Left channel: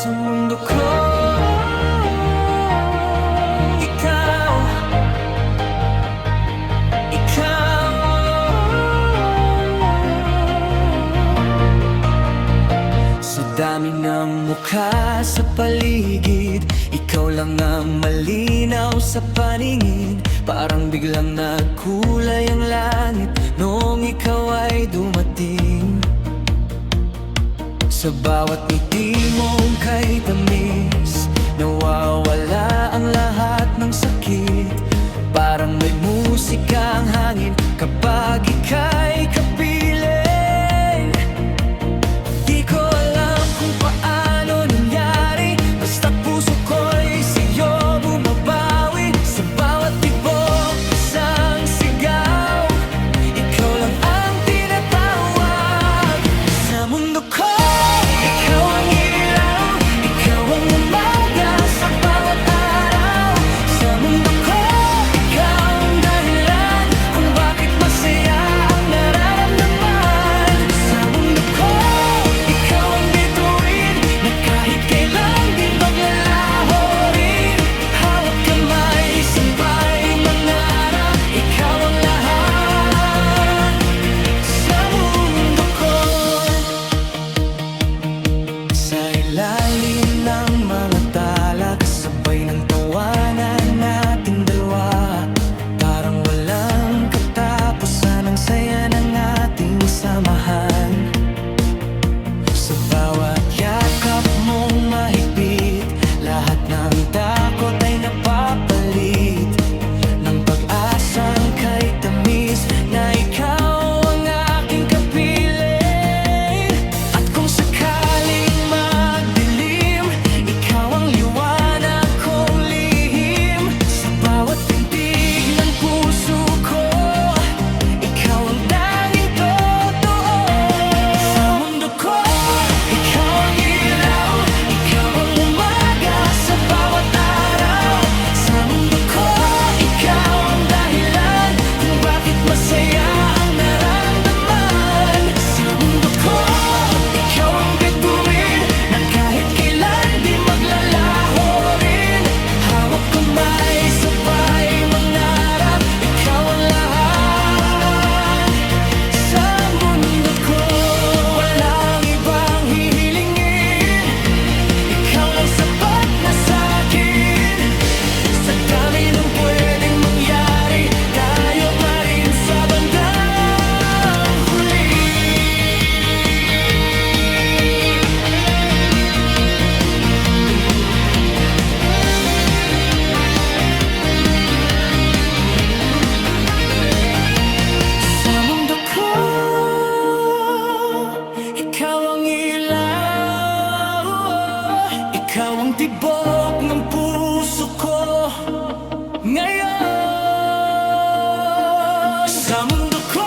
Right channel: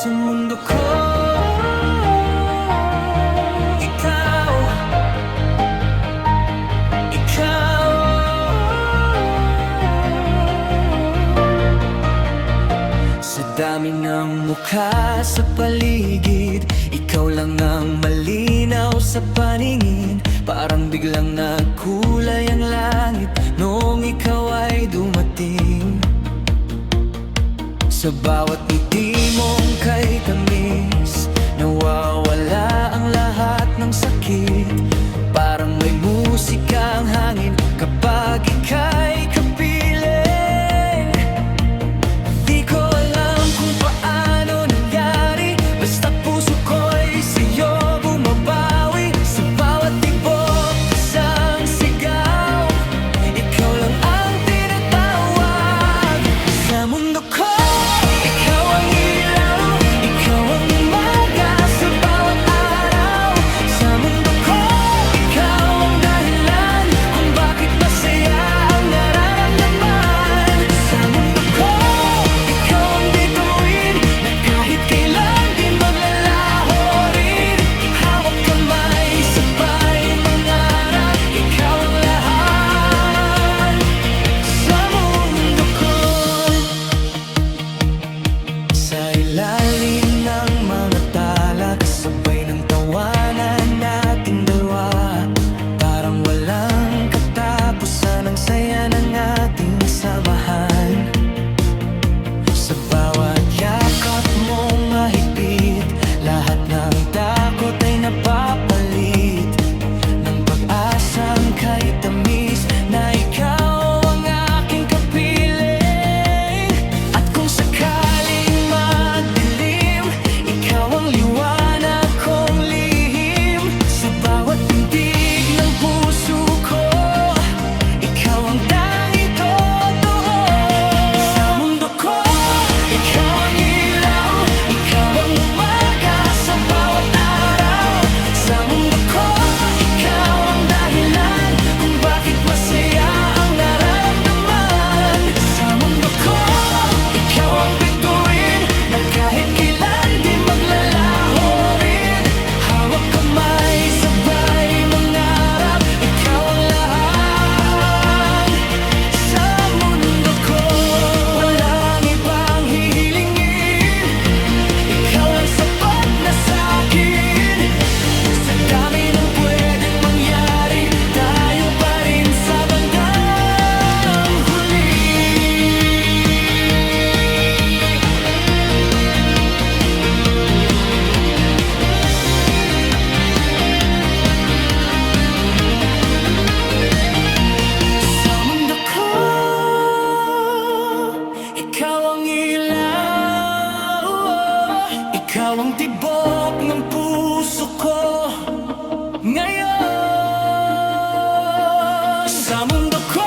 Sa mundo ko, ikaw, ikaw. Sa dami ng mukha sa paligid, ikaw lang ang malinaw sa paningin. Parang biglang nagkulay ang langit noong ikaw ay dumating. Sa bawat ngiti mong kay tamis, nawawala ang lahat ng sakit. Parang may musika ang hangin kapag ika'y kapiling. Di ko alam kung paano nangyari, basta't puso ko'y sa'yo bumabawi. Sa bawat tibok, isang sigaw, ikaw lang ang tinatawag. Sa mundo ko, ikaw ang ilaw, ikaw ang umaga sa bawat araw. Sa mundo ko, ikaw ang dahilan kung bakit masaya ang nararamdaman. Sa mundo ko, ikaw ang bituin na kahit kailan di maglalaho rin. Hawak kamay, sabay mangarap, ikaw ang lahat sa mundo ko. Sa ilalim ng mga tala, kasabay ng tawanan nating dalawa, parang walang katapusan ang saya ng ating samahan. Sa bawat yakap mong mahigpit, lahat ng takot ay napapalit ng pag-asang kay tamis na ikaw ang aking kapiling. At kung sakaling magdilim, ikaw ang liwanag kong lihim. Sa bawat pintig ng puso ko, ikaw ang tanging totoo. Sa mundo ko, ikaw ang ilaw, ikaw ang umaga sa bawat araw. Sa mundo ko, ikaw ang dahilan kung bakit masaya ang nararamdaman. Sa mundo ko, ikaw ang bituin na kahit kailan di maglalaho rin. Hawak kamay, sabay mangarap, ikaw ang lahat sa mundo ko. Walang ibang hihilingin, ikaw lang sapat na sa'kin. Sa dami ng pwedeng mangyari, tayo pa rin sa bandang huli. Sa mundo ko, ikaw ang ilaw, ikaw ang tibok ng puso ko ngayon. Sa mundo ko,